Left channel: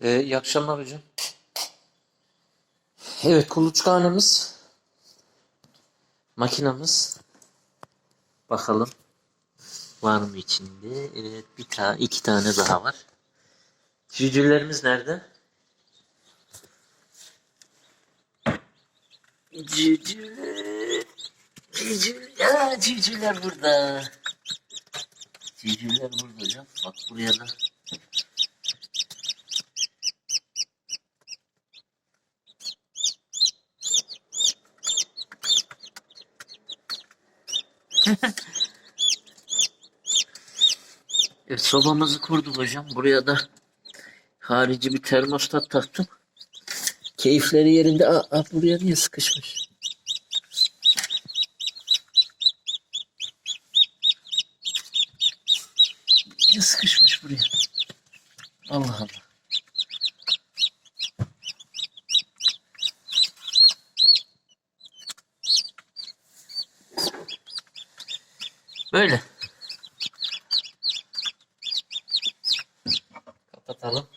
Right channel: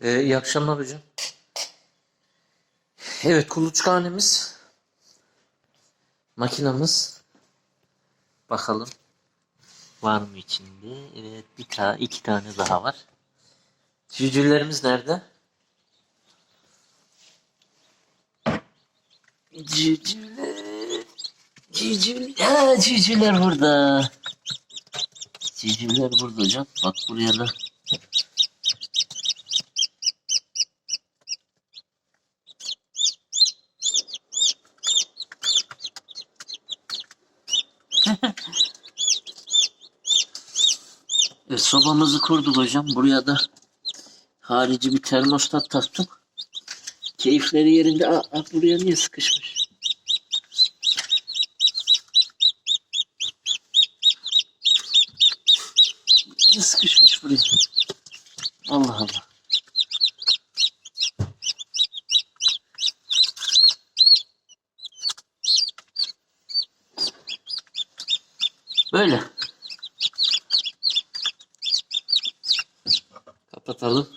Ee, iyi akşamlar hocam. Evet kuluçkanemiz. Makinamız. Bakalım. Var mı içinde? Evet bir tane iki tane daha var. Cücülerimiz nerede? Cücüler. Cücüler. Ha, cücüler burada. Cücüler burada hocam. Bak buraya da. Evet, sobamızı kurduk hocam. Buraya da harici bir termostat taktım. Keyifleri yerinde. Aa, aa, buraya niye sıkışmış? Niye sıkışmış buraya? Allah Allah. Böyle. Kapatalım.